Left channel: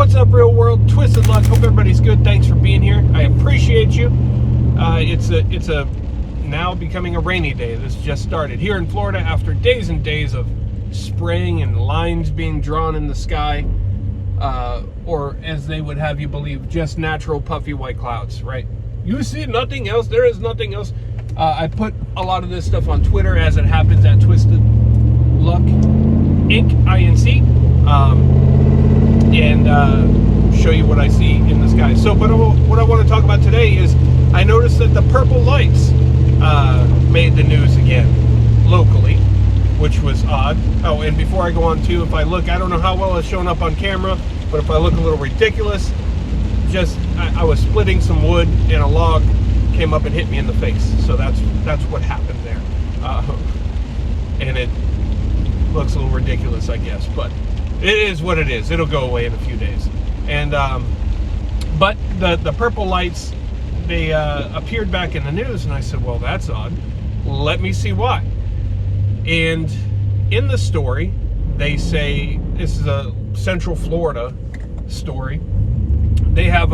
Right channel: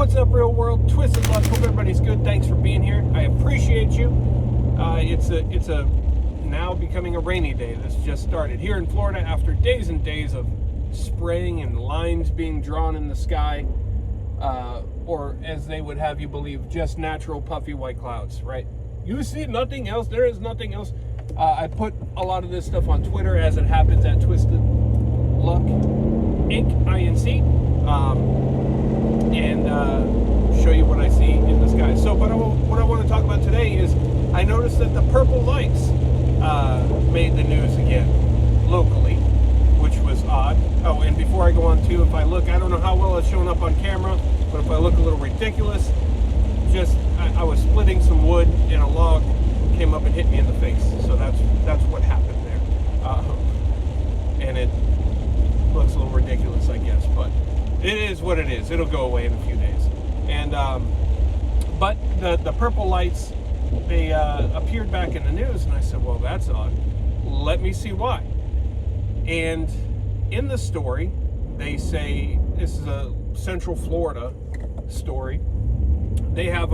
What's up, real world? Twisted Luck. Hope everybody's good. Thanks for being here. I appreciate you. It's a now becoming a rainy day. This just started here in Florida after days and days of spraying and lines being drawn in the sky, or as they would have you believe, just natural puffy white clouds. Right? You see nothing else. There is nothing else. I put a lot of this stuff on Twitter as it happens at TwistedLuckInc. And show you what I see in the sky. So, but what I want to talk about today is I noticed that the purple lights made the news again locally, which was odd. Oh, and before I go on too, if I look, I don't know how well it's showing up on camera, but if I look a little ridiculous, just I was splitting some wood and a log came up and hit me in the face. So that's what happened there, and it looks a little ridiculous, I guess, but it is what it is. It'll go away in a few days. And but the purple lights, they appeared back in the news, and I said, well, that's odd. Let me see why. And in the story, they say, this is a Central Florida story. They have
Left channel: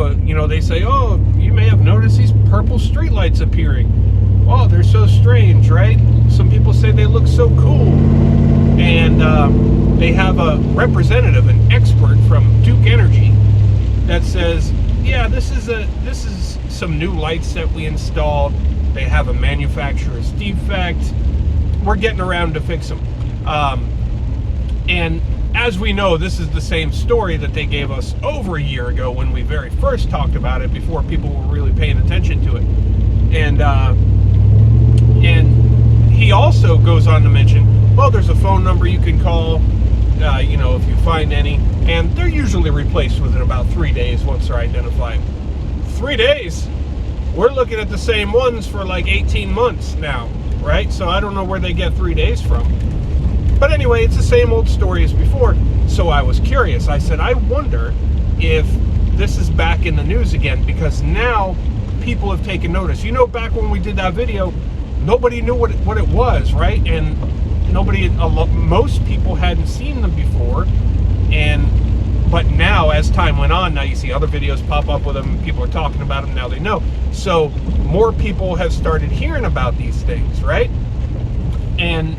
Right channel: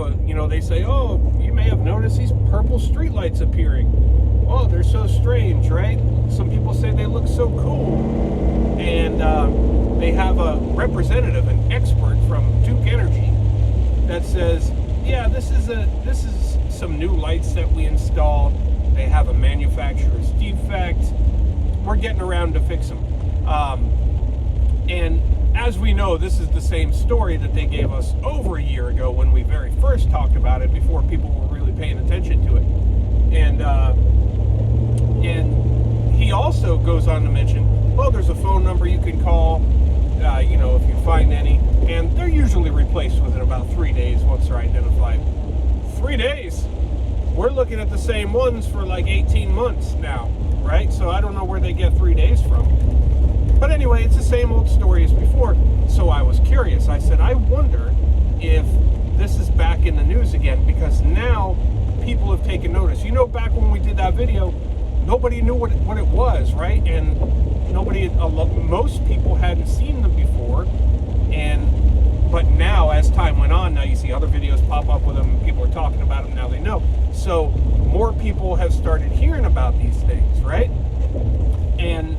they say, oh, you may have noticed these purple streetlights appearing. Oh, they're so strange, right? Some people say they look so cool. And they have a representative, an expert from Duke Energy, that says, yeah, this is some new lights that we installed. They have a manufacturer's defect. We're getting around to fix them. And as we know, this is the same story that they gave us over a year ago when we very first talked about it, before people were really paying attention to it. And he also goes on to mention, well, there's a phone number you can call, if you find any, and they're usually replaced within about 3 days once they're identified. 3 days? We're looking at the same ones for like 18 months now, right? So I don't know where they get 3 days from. But anyway, it's the same old story as before. So I was curious. I said, I wonder if this is back in the news again, because now people have taken notice. Back when we did that video, nobody knew what it was, right? And most people hadn't seen them before, but now, as time went on, now you see other videos pop up with them, people are talking about them, now they know. So more people have started hearing about these things, right? And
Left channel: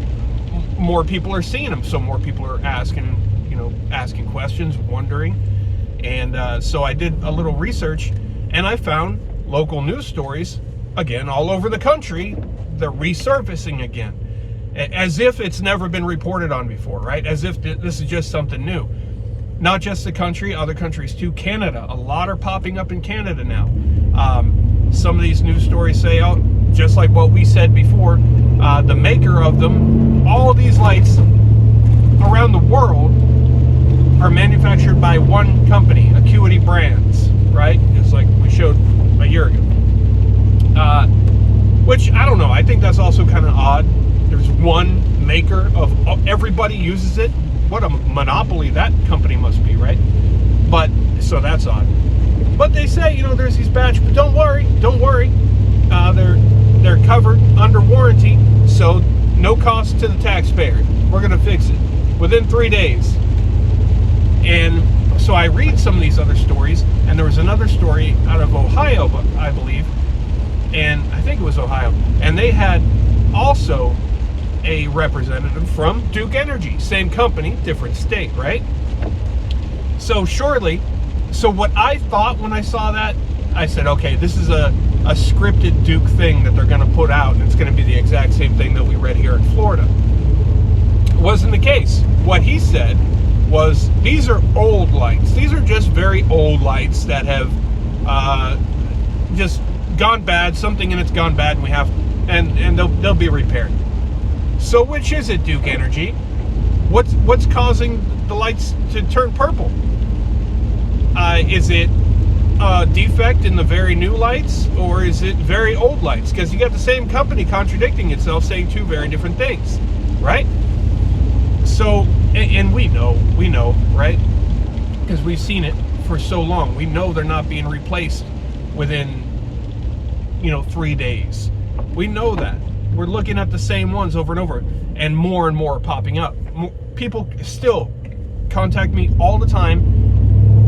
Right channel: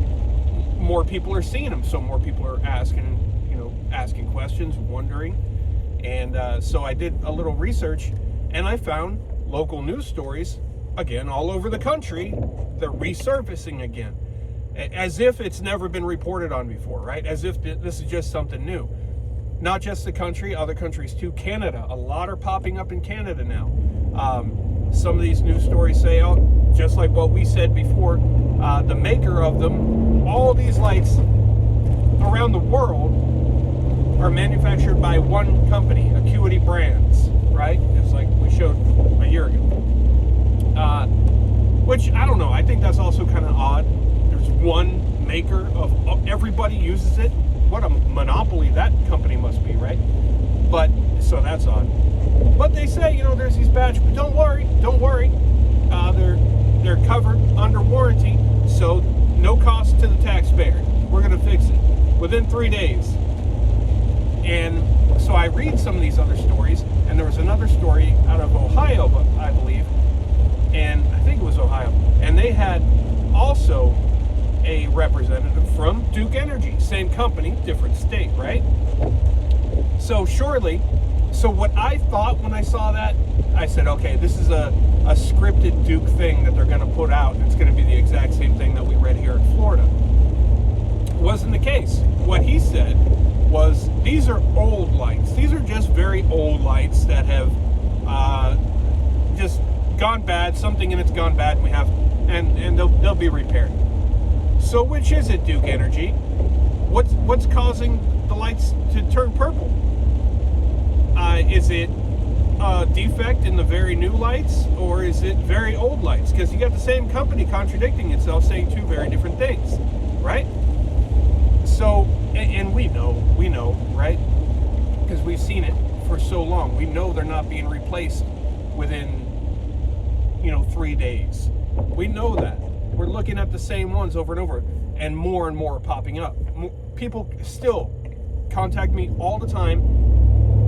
more people are seeing them, so more people are asking questions, wondering. And so I did a little research, and I found local news stories, again, all over the country. They're resurfacing again, as if it's never been reported on before, right? As if this is just something new. Not just the country, other countries too. Canada, a lot are popping up in Canada now. Some of these news stories say, oh, just like what we said before, the maker of them, all of these lights around the world are manufactured by one company, Acuity Brands, right? Just like we showed a year ago. Which, I don't know, I think that's also kind of odd. There's one maker of everybody uses it. What a monopoly that company must be, right? But so that's odd. But they say, there's these batch, but don't worry. They're covered under warranty, so no cost to the taxpayer. We're gonna fix it within 3 days. And so I read some of these other stories, and there was another story out of Ohio, I believe, and I think it was Ohio, and they had also a representative from Duke Energy, same company, different state, right? So what I thought when I saw that, I said, okay, this is a scripted Duke thing that they're going to put out, and it's going to be the exact same thing that we read here in Florida. It wasn't the case. What he said was, these are old lights. These are just very old lights that have just gone bad. Something in it's gone bad, and and they'll be repaired. So which is it, Duke Energy? What's causing the lights to turn purple? Is it a defect in the very new lights, or is it very old lights? Because you got the same company contradicting itself, saying two very different things, right? So, and we know, right? Because we've seen it for so long. We know they're not being replaced within, 3 days. We know that. We're looking at the same ones over and over, and more are popping up. People still contact me all the time,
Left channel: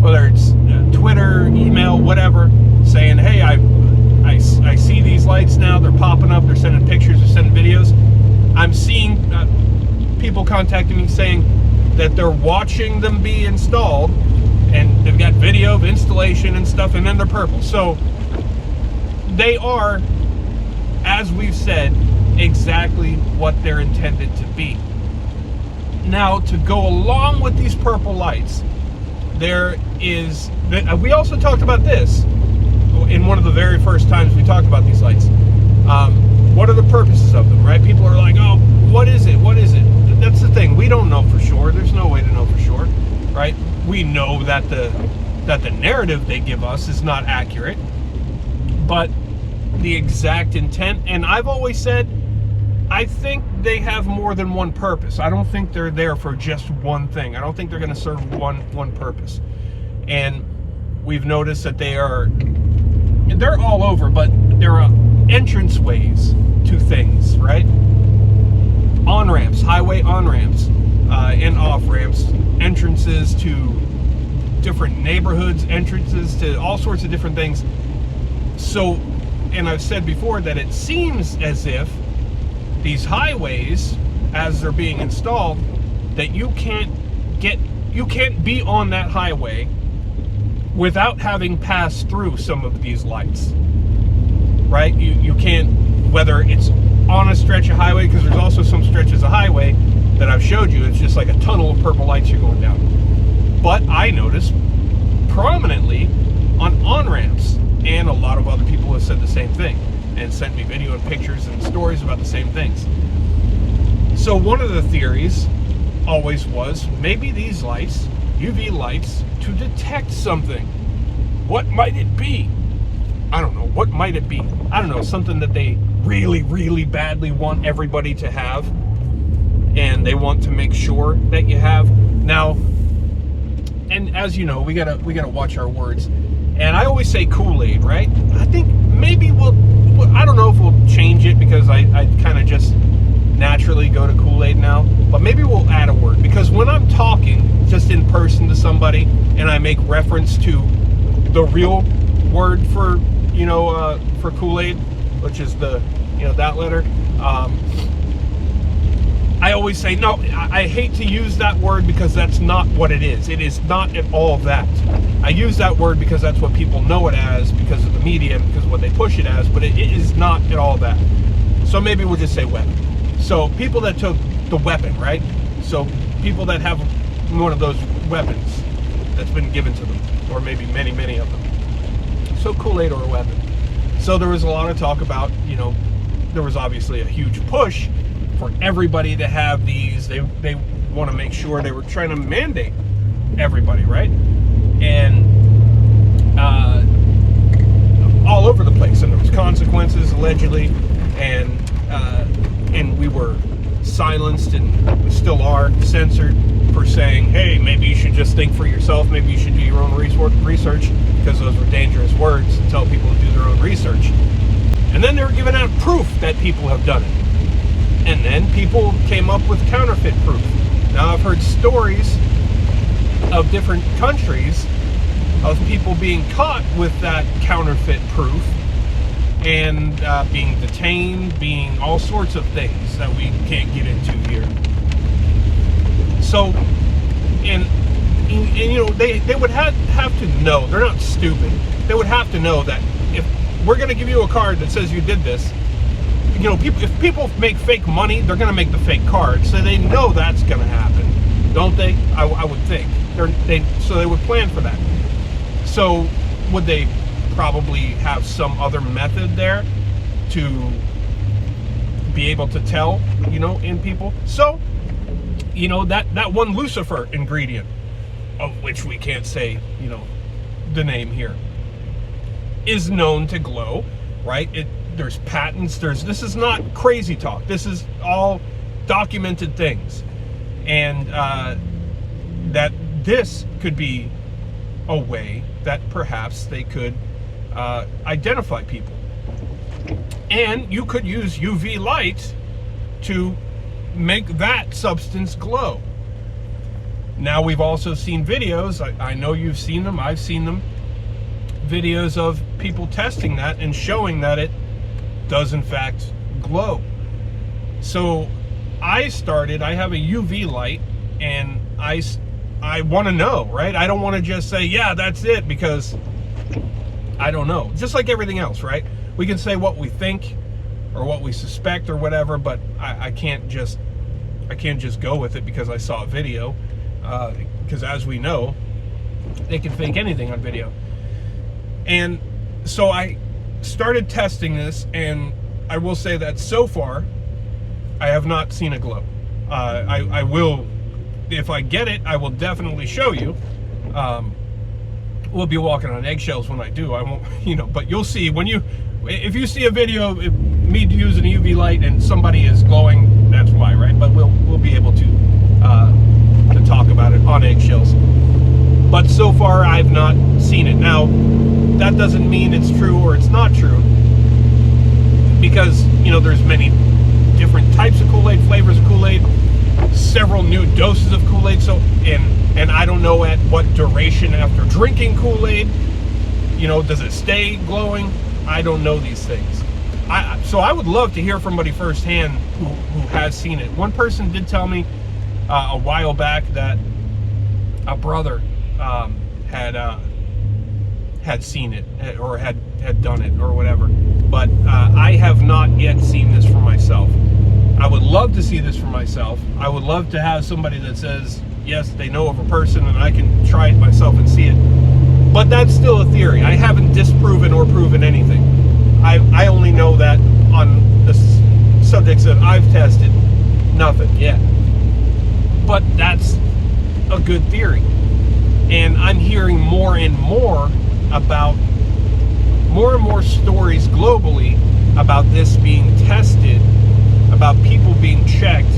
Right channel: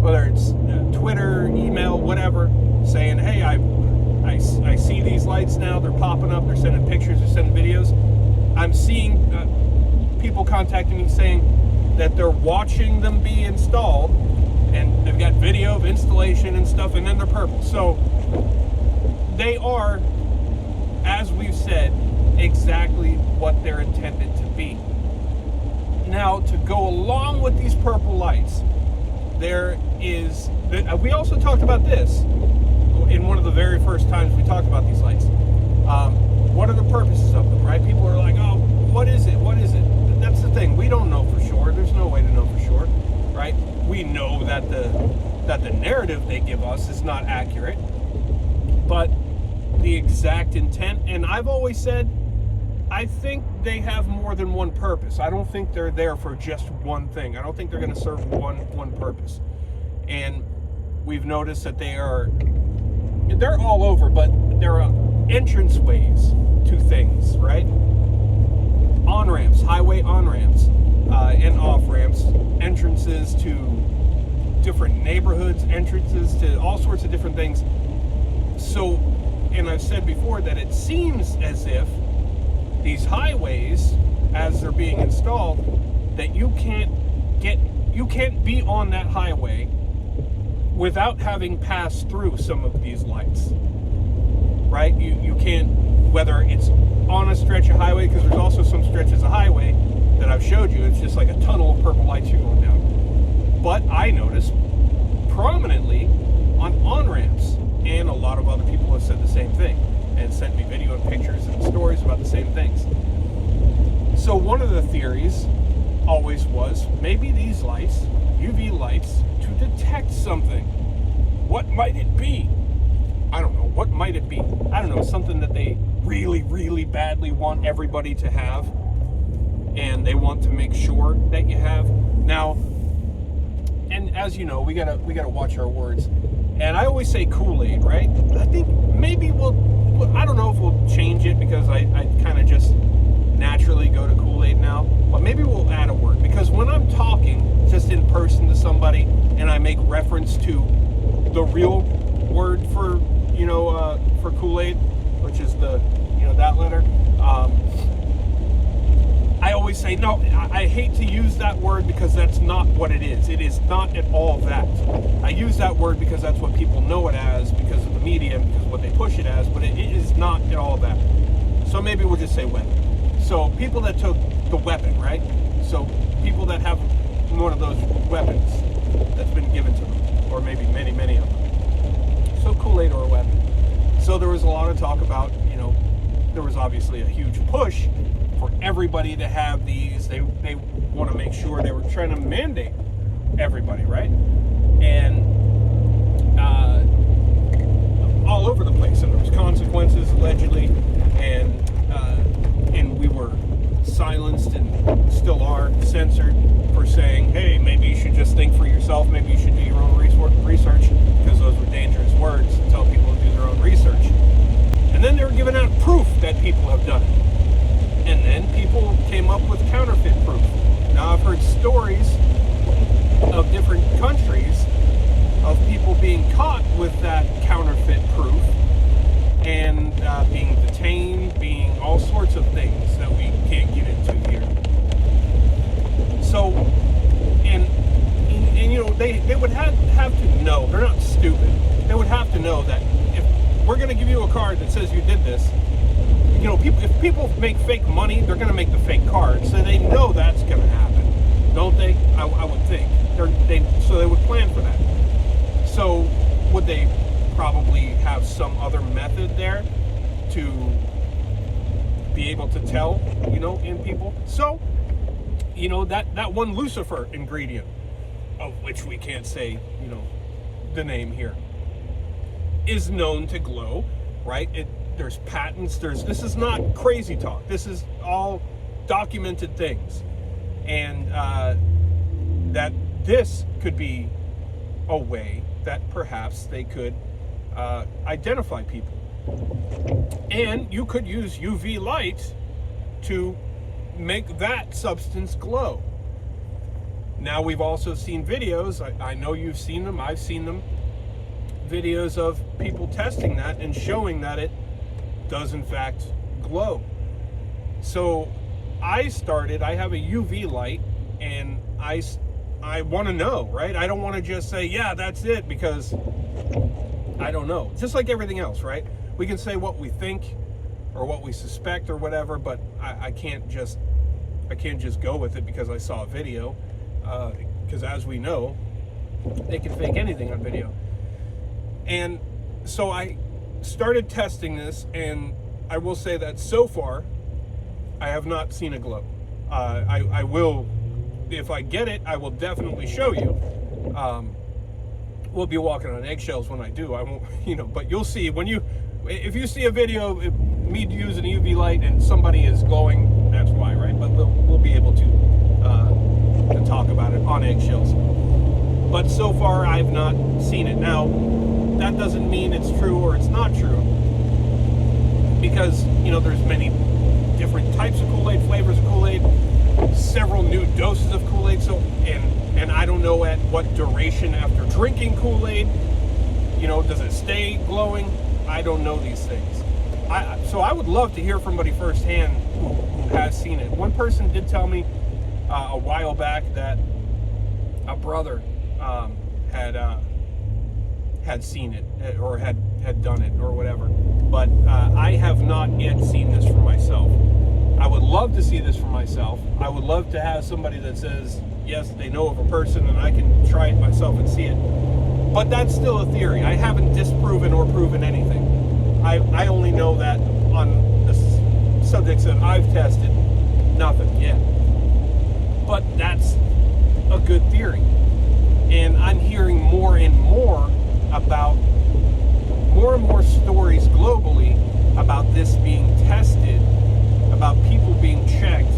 whether it's email, whatever, saying, hey, I see these lights now, they're popping up, they're sending pictures, they're sending videos. I'm seeing people contacting me saying that they're watching them be installed, and they've got video of installation and stuff, and then they're purple. So they are, as we've said, exactly what they're intended to be. Now, to go along with these purple lights, there is, we also talked about this in one of the very first times we talked about these lights. What are the purposes of them, right? People are like, oh, what is it? What is it? That's the thing. We don't know for sure. There's no way to know for sure, right? We know that the narrative they give us is not accurate, but the exact intent, and I've always said, I think they have more than one purpose. I don't think they're there for just one thing. I don't think they're going to serve one purpose. And we've noticed that they're all over, but there are entrance ways to things, right? On-ramps, highway on-ramps, and off-ramps, entrances to different neighborhoods, entrances to all sorts of different things. So, and I've said before that it seems as if these highways, as they're being installed, that you can't be on that highway without having passed through some of these lights, right? You can't, whether it's on a stretch of highway, because there's also some stretches of highway that I've showed you, it's just like a tunnel of purple lights you're going down. But I noticed prominently on on-ramps, and a lot of other people have said the same thing and sent me video and pictures and stories about the same things. So one of the theories always was, maybe these lights, UV lights, to detect something. What might it be? I don't know. What might it be? I don't know. Something that they really, really badly want everybody to have, and they want to make sure that you have. Now, and as you know, we gotta watch our words. And I always say Kool-Aid, right? I think maybe I don't know if we'll change it, because I kind of just naturally go to Kool-Aid now, but maybe we'll add a word, because when I'm talking just in person to somebody and I make reference to the real word for Kool-Aid, which is that letter, I always say, no, I hate to use that word, because that's not what it is. It is not at all that. I use that word because that's what people know it as, because of the media, because of what they push it as, but it is not at all that. So maybe we'll just say weapon. So people that took the weapon, right? So people that have one of those weapons that's been given to them, or maybe many, many of them. So Kool-Aid or a weapon. So there was a lot of talk about, there was obviously a huge push for everybody to have these. They want to make sure, they were trying to mandate everybody, right? And all over the place, and there was consequences allegedly, and we were silenced, and we still are censored for saying, hey, maybe you should just think for yourself, maybe you should do your own research, because those were dangerous words to tell people to do their own research. And then they were giving out proof that people have done it. And then people came up with counterfeit proof. Now, I've heard stories of different countries of people being caught with that counterfeit proof, and being detained, being all sorts of things that we can't get into here. So, and they would have to know, they're not stupid, they would have to know that if we're going to give you a card that says you did this, if people make fake money, they're going to make the fake card, so they know that's going to happen, don't they? I would think. So they would plan for that. So would they probably have some other method there to be able to tell, in people? So, that one Lucifer ingredient, of which we can't say, the name here, is known to glow, right? There's patents, this is not crazy talk. This is all documented things. And that this could be a way that perhaps they could identify people. And you could use UV light to make that substance glow. Now, we've also seen videos, I know you've seen them, I've seen them, videos of people testing that and showing that it does in fact glow. So I have a UV light, and I want to know, right? I don't want to just say, yeah, that's it, because I don't know. Just like everything else, right? We can say what we think or what we suspect or whatever, but I can't just go with it because I saw a video, because as we know, they can fake anything on video. And so I started testing this, and I will say that so far I have not seen a glow. I will, if I get it, I will definitely show you. We'll be walking on eggshells when I do. I won't, but you'll see if you see a video of me using a UV light and somebody is glowing, that's why, right? But we'll be able to talk about it on eggshells. But so far, I've not seen it. Now, that doesn't mean it's true or it's not true, because there's many different types of Kool-Aid, flavors of Kool-Aid, several new doses of Kool-Aid. So, and I don't know at what duration after drinking Kool-Aid, does it stay glowing? I don't know these things. So I would love to hear from somebody firsthand who has seen it. One person did tell me a while back that a brother had seen it, or had done it or whatever. But I have not yet seen this for myself. I would love to see this for myself. I would love to have somebody that says, yes, they know of a person and I can try it myself and see it. But that's still a theory. I haven't disproven or proven anything. I only know that on the subjects that I've tested, nothing yet. But that's a good theory. And I'm hearing more and more stories globally about this being tested, about people being checked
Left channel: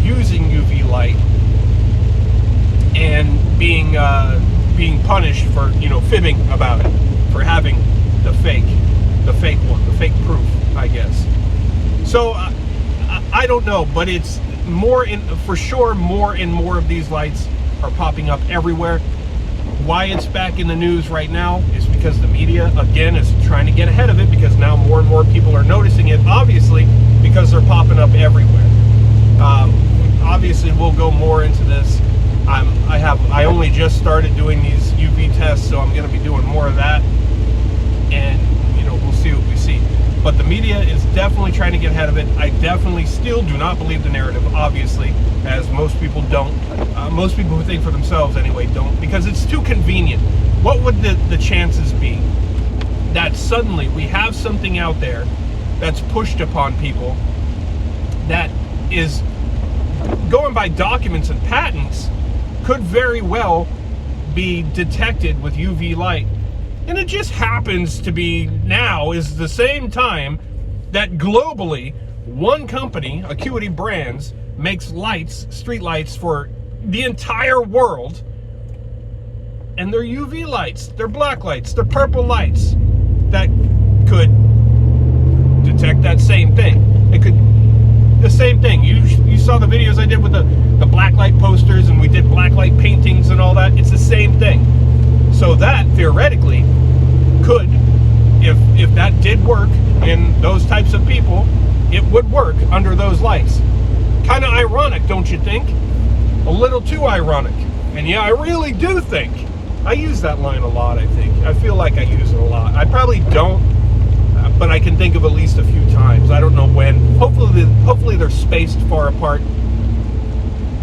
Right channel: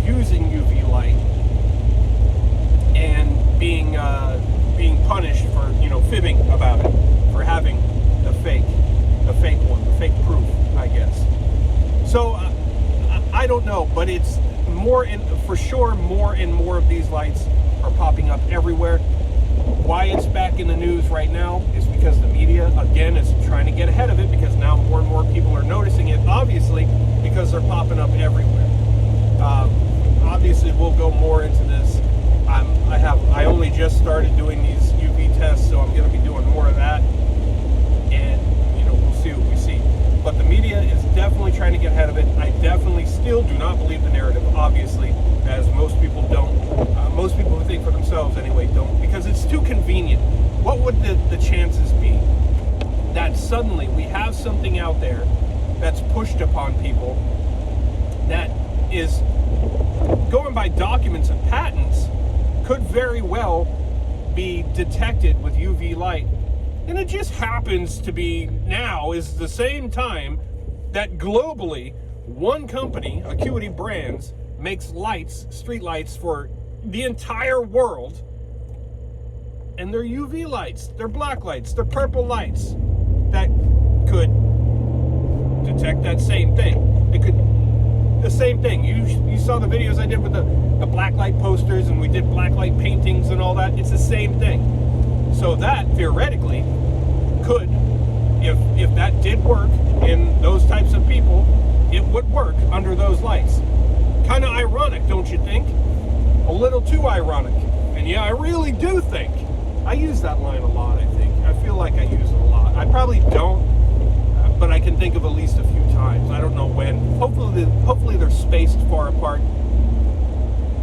using UV light and being punished for fibbing about it, for having the fake proof, I guess. So I don't know, but it's for sure more and more of these lights are popping up everywhere. Why it's back in the news right now is because the media, again, is trying to get ahead of it, because now more and more people are noticing it, obviously, because they're popping up everywhere. Obviously, we'll go more into this. I only just started doing these UV tests, so I'm going to be doing more of that, and we'll see what we see. But the media is definitely trying to get ahead of it. I definitely still do not believe the narrative, obviously, as most people don't. Most people who think for themselves, anyway, don't, because it's too convenient. What would the chances be that suddenly we have something out there that's pushed upon people that is going by documents and patents, could very well be detected with UV light? And it just happens to be now is the same time that globally one company, Acuity Brands, makes lights, street lights for the entire world. And they're UV lights, they're black lights, they're purple lights that could detect that same thing. It could, the same thing. You saw the videos I did with the black light posters, and we did black light paintings and all that. It's the same thing. So that theoretically could, if that did work in those types of people, it would work under those lights. Kind of ironic, don't you think? A little too ironic. And yeah, I really do think. I use that line a lot, I think. I feel like I use it a lot. I probably don't, but I can think of at least a few times. I don't know when. Hopefully they're spaced far apart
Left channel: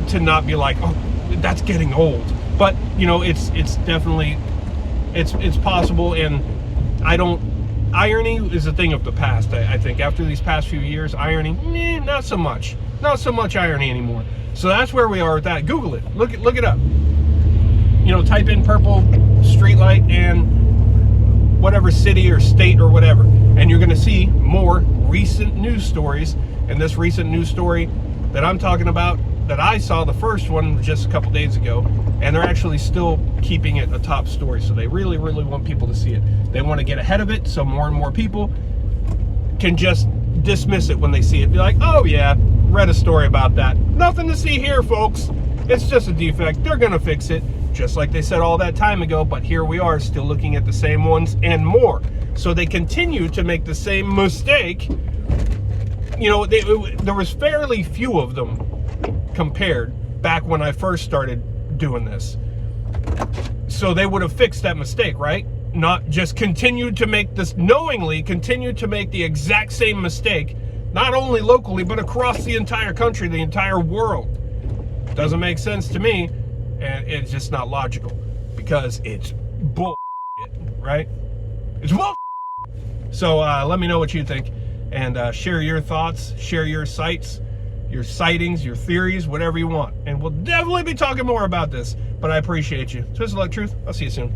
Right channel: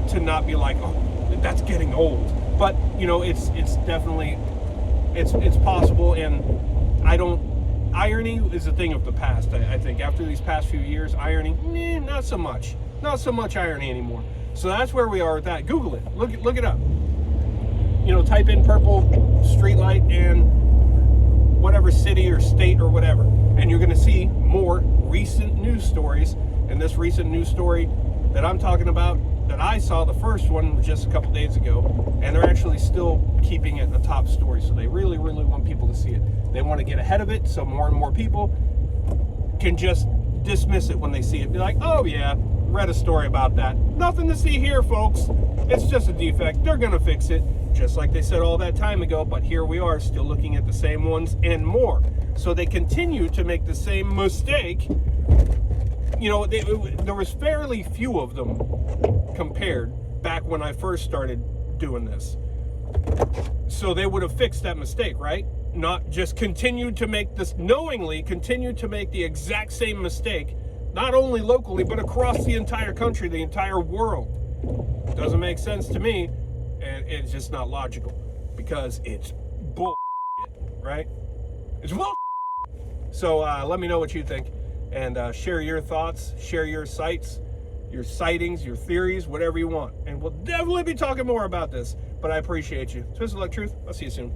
to not be like, oh, that's getting old. But, it's definitely, it's possible, and irony is a thing of the past, I think. After these past few years, irony, not so much. Not so much irony anymore. So that's where we are with that. Google it. Look it up. Type in purple streetlight and whatever city or state or whatever, and you're going to see more recent news stories. And this recent news story that I'm talking about, that I saw, the first one was just a couple days ago, and they're actually still keeping it a top story. So they really, really want people to see it. They want to get ahead of it so more and more people can just dismiss it when they see it. Be like, oh yeah, read a story about that. Nothing to see here, folks. It's just a defect. They're going to fix it. just like they said all that time ago, but here we are still looking at the same ones and more. So they continue to make the same mistake. You know, there was fairly few of them compared back when I first started doing this. So they would have fixed that mistake, right? Not just continued to make this, knowingly continued to make the exact same mistake, not only locally, but across the entire country, the entire world. Doesn't make sense to me, and it's just not logical, because it's bull, right? It's bull. So let me know what you think, and share your thoughts, share your sights, your sightings, your theories, whatever you want. And we'll definitely be talking more about this, but I appreciate you. Twisted Luck Truth. I'll see you soon.